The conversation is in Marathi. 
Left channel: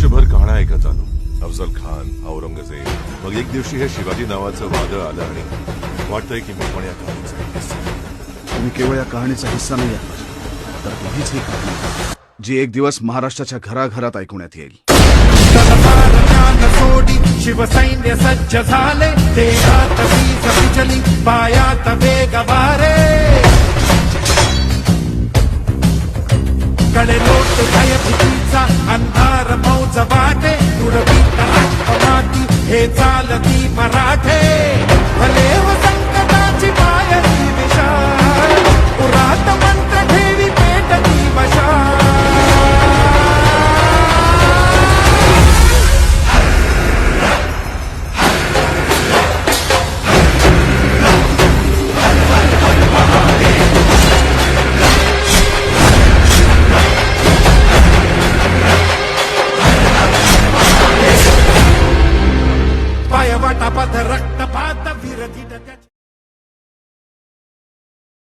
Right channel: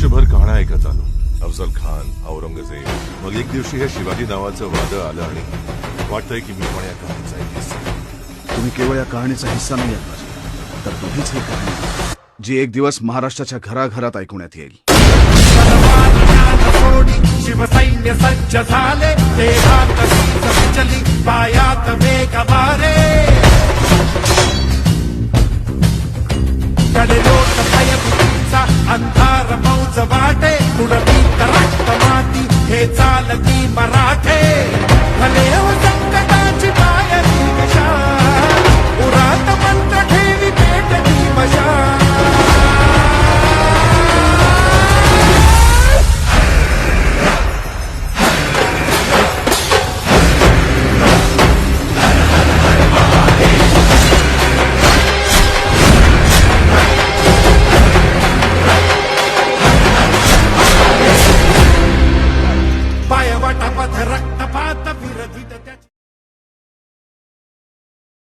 वर्षभर कहाण्या ऐकत आलो. अफजल खान औरंगजेब. मग एक दिवशी हे शिवाजी नावाचं वादळ आलं आणि वाटतंय की मी पण या कहाणीचा एक हिस्सा आहे. तुम्ही केवळ या कहाणीचा हिस्सा नाही आहात माझी तर तुम्हीच ही कहाणी जी एक दिवस महाराष्ट्राच्या घराघरात ऐकण्यात येईल. ज्ञान सोडी शिवसैन्य सज्ज झाले. देहात वीज विजली पायात वेग वारे. कडे लोट भयभीतीचा अंधार फौज वाटे तुळवी रक्त माती हे चालती मराठे. भले हो తపద రక్తపాత విరజిత